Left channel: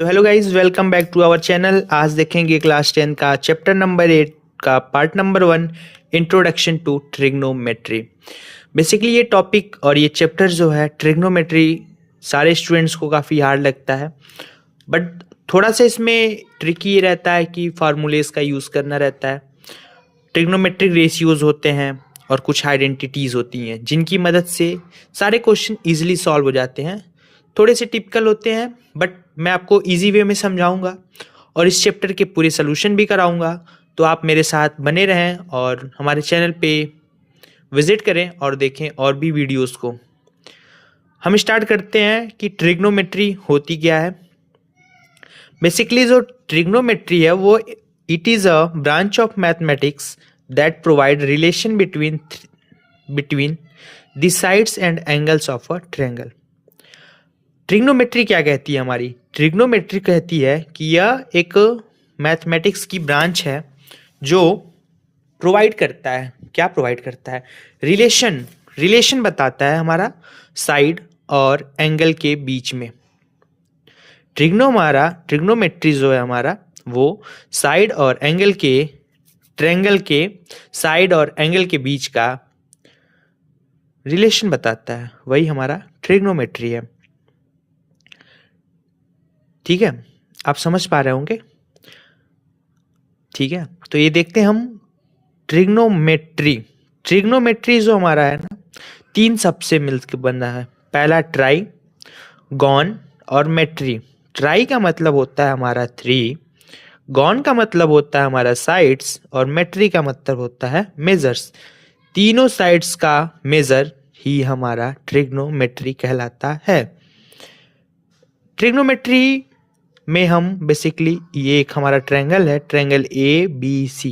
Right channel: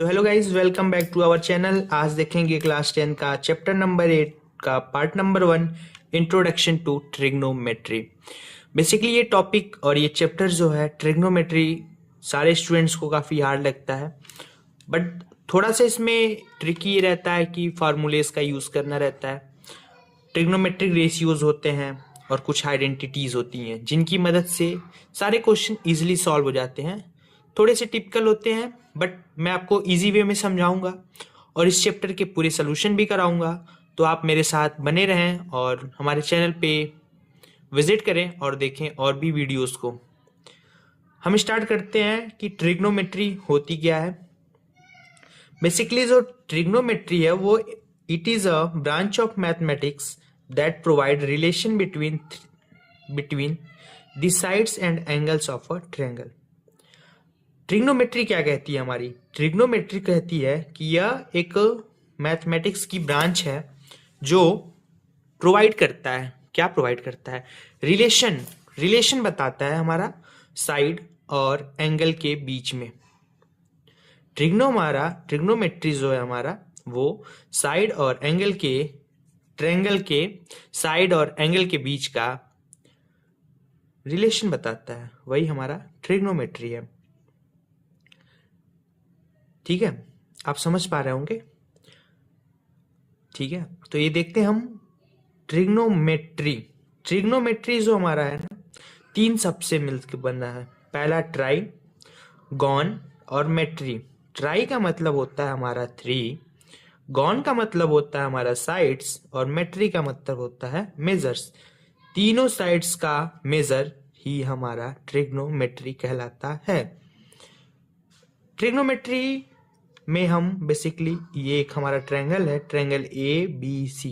तो hello guys, welcome back to our channel. आज देखेंगे क्लास 10 का चैप्टर नंबर 8 का part number 1, introduction to trigonometry. Basically ये टॉपिक और ये चैप्टर जो है ट्रिग्नोमेट्री सारे स्टूडेंट्स को काफ़ी हार्ड लगता है, बट थोड़ा सा इसमें ट्रिकी ये रहता है कि फार्मूलेस का यूज़ करना रहता है। ट्रिग्नोमेट्रिक रेशियोज होते हैं और कुछ आइडेंटिटीज़ होती हैं जिनकी मदद से सारे क्वेश्चन इजीली सॉल्व हो जाते हैं। थोड़े से टिपिकल होते हैं, बट मैं आपको इजी वे में समझाऊंगा और इस चैप्टर के पूरे सोल्यूशन भी कराऊंगा। तो आप मेरे साथ बने रहें और हमारे चैनल पे विजिट करें और देखें और भी वीडियोस को। हम स्टार्ट करते हैं कि ट्रिग्नोमेट्री होती क्या है। बेसिकली जो ट्रिग्नोमेट्री है वो it is a branch of mathematics that provide relation between the sides and angles of a triangle. Trigonometry क्या कहती है? हमारी ट्रिग्नोमेट्री कहती है कि यह एक मैथमेटिक्स की ब्रांच है जो प्रोवाइड करता है, क्या प्रोवाइड करता है? रिलेशन। रिलेशन बताता है हमारा साइड और एंगल के बीच में। ट्रिग्नोमेट्री जो है हमारा वो साइड और एंगल के, ट्रायंगल के साइड और एंगल के बीच का रिलेशन बताता है, वही हमारा ट्रिग्नोमेट्री है। ठीक है, आप समझ पा रहे होंगे? ठीक है, तो ये देखते हैं हम ट्रिग्नोमेट्री। ट्रिग्नोमेट्री जो हमारा है ना, तीन सबसे मिलकर बना है। पहला ट्राई, गॉन और मेट्री। ट्राई का मतलब होता है हमारा 3, गॉन का मतलब होता है हमारा साइड्स और मेट्री का मतलब होता है मेजर्स। तीनों साइड्स का मेजर ही हमारा ट्रिग्नोमेट्री कहलाता है। ट्रिग्नोमेट्री में हम बेसिकली, ये एक हमारा ट्रायंगल है, ट्रायंगल ABC।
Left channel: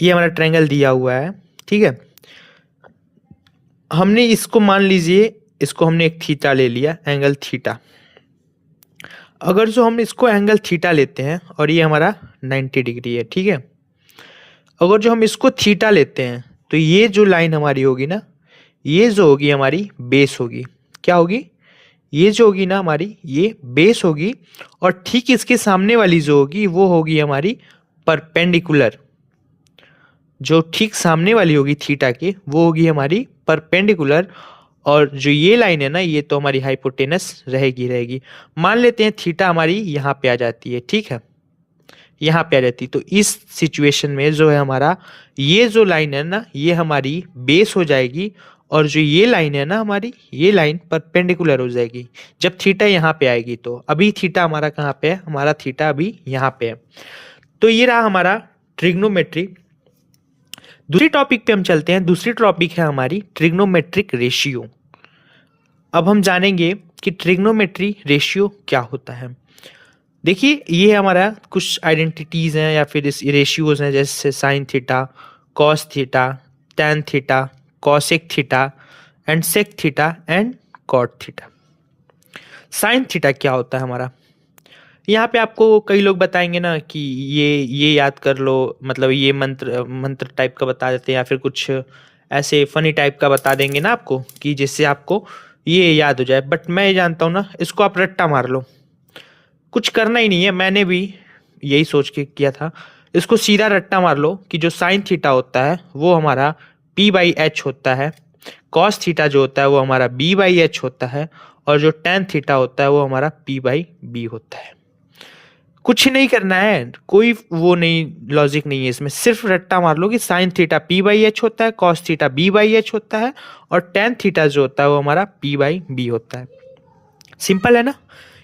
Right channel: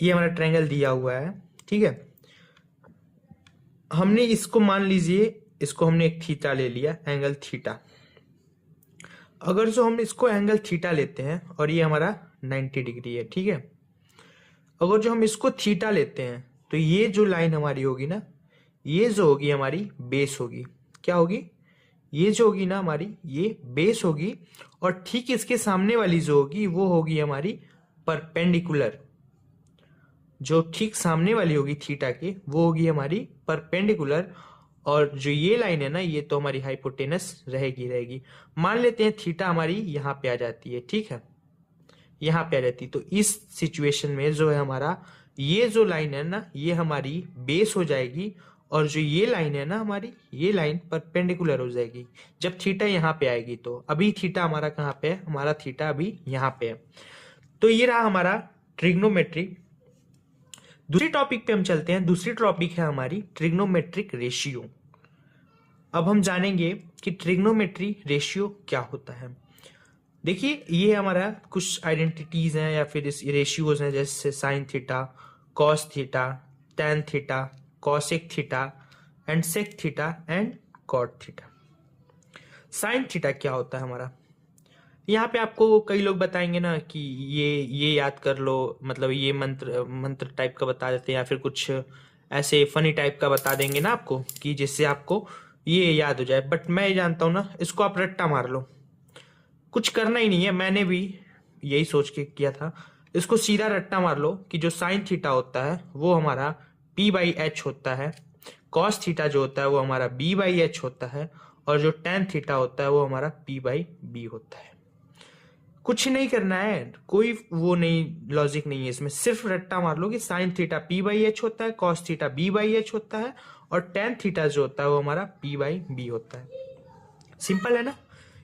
ये हमारा ट्रायंगल दिया हुआ है, ठीक है। हमने इसको मान लीजिए, इसको हमने एक थीटा ले लिया, एंगल थीटा। अगर जो हम इसको एंगल थीटा लेते हैं और ये हमारा 90 डिग्री है, ठीक है। अगर जो हम इसको थीटा लेते हैं तो ये जो लाइन हमारी होगी ना, ये जो होगी हमारी बेस होगी। क्या होगी? ये जो होगी ना हमारी, ये बेस होगी। और ठीक इसके सामने वाली जो होगी वो होगी हमारी परपेंडिकुलर। जो ठीक सामने वाली होगी थीटा के वो होगी हमारी परपेंडिकुलर। और जो ये लाइन है ना, ये तो हमारी हाइपोटेनस रहेगी। मान लेते हैं थीटा हमारी यहाँ पे आ जाती है, ठीक है, यहाँ पे आ जाती है। तो इस सिचुएशन में जो है हमारा, ये जो लाइन है ना, ये हमारी बेस हो जाएगी। और जो ये लाइन है ना हमारी, ये लाइन परपेंडिकुलर हो जाएगी जब थीटा यहाँ पे आएगी। तो अभी थीटा हमारा कहाँ पे है? हमारा थीटा अभी यहाँ पे है। तो ये रहा हमारा ट्रिग्नोमेट्री। दूसरी टॉपिक पे हम चलते हैं। दूसरी टॉपिक है हमारी ट्रिग्नोमेट्रिक रेशियो। अब हम जानेंगे कि ट्रिग्नोमेट्री रेशियो क्या होता है। देखिए, ये हमारा कुछ आइडेंटिटीज हैं या फिर इस रेशियोज हैं, जैसे sine theta, cos theta, tan theta, cosec theta and sec theta and cot theta. Sine theta क्या होता है हमारा? यहाँ पे आपको कई लोग बताएंगे ना कि ये याद कर लो, मतलब ये मंत्र मंत्र टाइप का बता देते हैं, या फिर कुछ ऐसे फनी टाइप का बता देंगे ना आपको कि जिससे आपको ये याद हो जाए। बट मैं ये जानता हूँ ना, इसको आप रट्टा मार लो, कुछ करना ही नहीं है। मैंने भी यही सोच के किया था। इसको सीधा रट्टा मार लो कि जो साइन थीटा होता है वो हमारा P/H होता है, कॉस थीटा जो होता है वो हमारा B/H होता है, और जो टैन थीटा होता है वो हमारा P/B होता है। कुछ नहीं करना है, कोई वो नहीं, लॉजिक नहीं है इसमें। सिर्फ रट्टा मार लो कि साइन थीटा P/H होता है, कॉस थीटा B/H होता है, और टैन थीटा जो होता है वो हमारा P/B होता है। सिंपल है ना?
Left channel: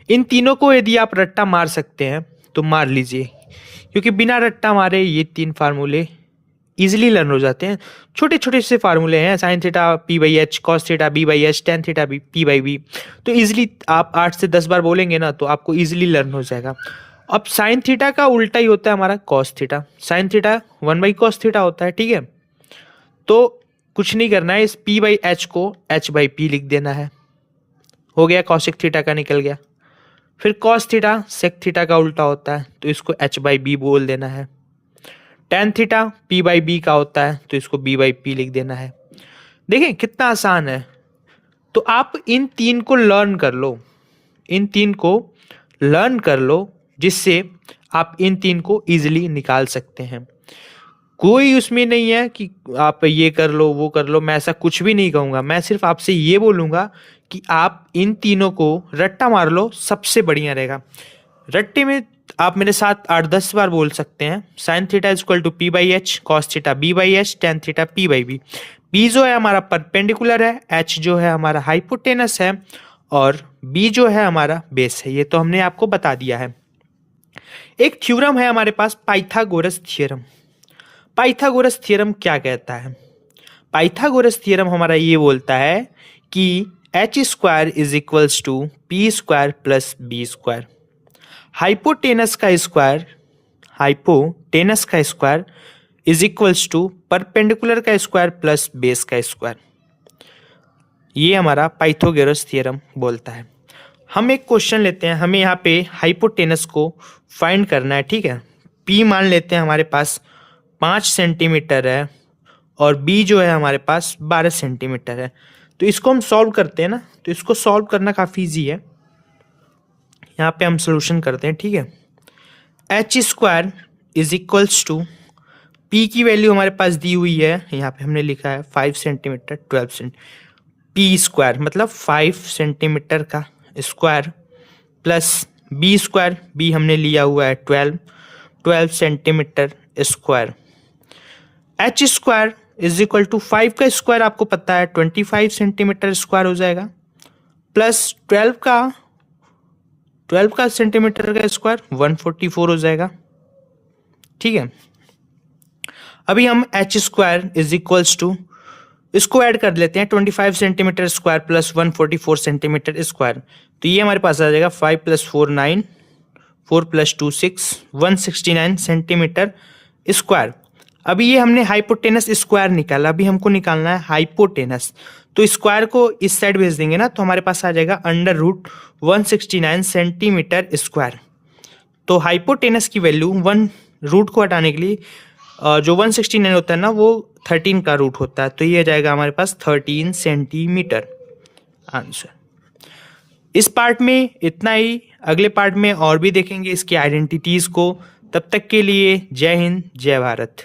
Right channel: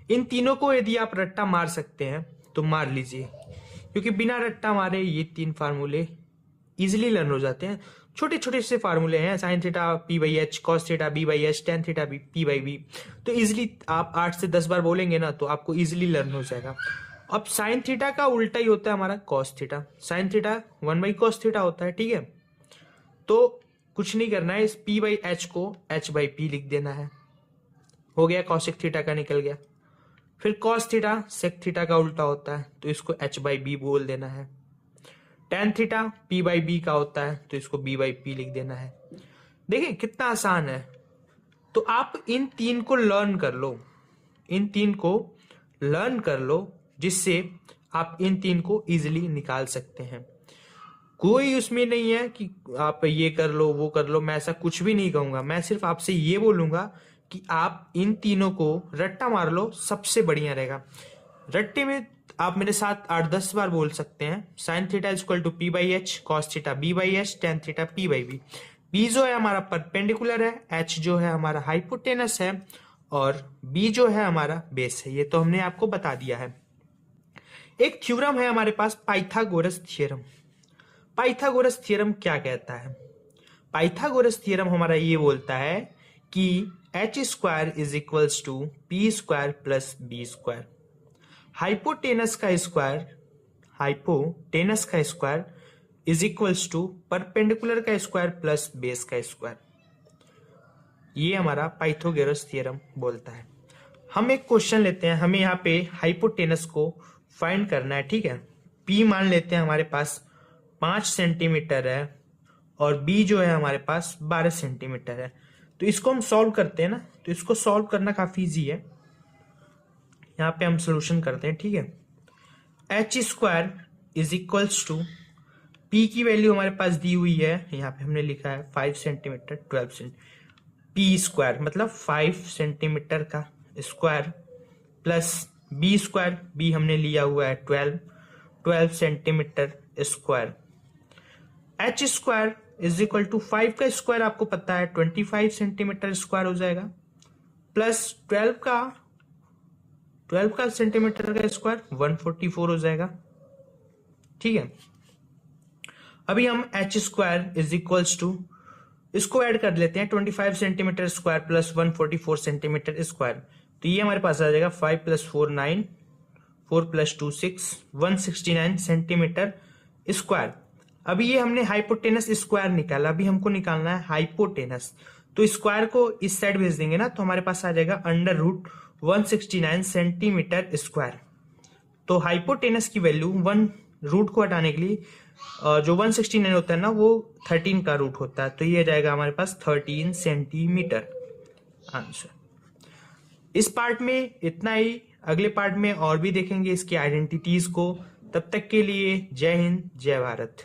इन तीनों को यदि आप रट्टा मार सकते हैं तो मार लीजिए, क्योंकि बिना रट्टा मारे ये तीन फार्मूले इजिली लर्न हो जाते हैं। छोटे छोटे से फार्मूले हैं, sine theta P/H, cos theta B/H, tan theta P/B। तो इजिली आप 8 से 10 बार बोलेंगे ना तो आपको इजिली लर्न हो जाएगा। अब साइन थीटा का उल्टा ही होता है हमारा cos theta. Sine theta 1/cos theta होता है, ठीक है। तो कुछ नहीं करना है, इस P/H को H/P लिख देना है, हो गया, कॉसिक थीटा का निकल गया। फिर कॉस थीटा सेक थीटा का उल्टा होता है तो इसको H/B बोल देना है। टैन थीटा P/B का होता है तो इसको B/P लिख देना है। देखें कितना आसान है। तो आप इन तीन को लर्न कर लो, इन तीन को लर्न कर लो, जिससे आप इन 3 को इजीली निकाल सकते हैं। कोई उसमें नहीं है कि आप ये कर लो वो कर लो, मैं ऐसा कुछ भी नहीं कहूँगा। मैं सिर्फ आपसे ये बोलूँगा कि आप इन तीनों को रट्टा मार लो, सबसे बढ़िया रहेगा। रट्टे में आप मेरे साथ 8-10 बार बोल सकते हैं, sine theta is equal to P by H, cos theta B by H, tan theta P by B. P जो है हमारा परपेंडिकुलर है, एच जो है हमारा हाइपोटेनस है, और बी जो है हमारा बेस है। ये तो हमने आपको बता दिया है। एक थ्योरम है हमारे पास, पाइथागोरस थ्योरम। पाइथागोरस थ्योरम क्या कहता है? पाइथागोरस थ्योरम हमारा ये बोलता है कि H square is equals to P square plus B square. Hypotenuse का square is equals to perpendicular का स्क्वायर प्लस बेस का स्क्वायर। ये हमारा पाइथागोरस थ्योरम बोलता है। हम एक क्वेश्चन लेते हैं, हमें यहाँ पे हाइपोटेनस को फाइंड करना है, ठीक है। पी मान लेते हैं हमारे पास 5 सेंटीमीटर है, और बी जो है हमारे पास 12 सेंटीमीटर है। तो इसको हम सॉल्व करते हैं ना, तो इसको सॉल्व करना काफ़ी ईजी है। यहाँ पे हम सोल्यूशन करते हैं, ठीक है। H square is equals to, P की वैल्यू हमारे पास दी हुई है, यहाँ पे हमने लिखा है 5 सेंटीमीटर 12 सेंटी, पी स्क्वायर मतलब 5 सेंटीमीटर का square, plus B square, B हमने लिया हुआ है 12 centimetre square. H square is equal to 5 का स्क्वायर आपको पता है 25 सेंटीमीटर स्क्वायर हो जाएगा, प्लस 12 का सेंटीमीटर का स्क्वायर 144 हो जाएगा, ठीक है। अभी हम H square is equals to, इसको ऐड कर लेते हैं, 25 centimetre square plus 144 centimetre square. तो ये हमारे पास आ जाएगा 5 + 4 9, 4 + 2 6, 169 सेंटीमीटर स्क्वायर। अभी ये हमने हाइपोटेनस स्क्वायर निकाला, अभी हमको निकालना है हाइपोटेनस। तो स्क्वायर को इस साइड भेज देंगे ना, तो हमारे पास आ जाएगा √169 सेंटीमीटर स्क्वायर। तो हाइपोटेनस की वैल्यू रूट को हटाने के लिए जो 169 होता है ना, वो 13 का रूट होता है, तो ये जाएगा हमारे पास 13 सेंटीमीटर आंसर। इस पार्ट में इतना ही, अगले पार्ट में और भी देखेंगे इसकी आइडेंटिटीज को। तब तक के लिए जय हिंद, जय भारत।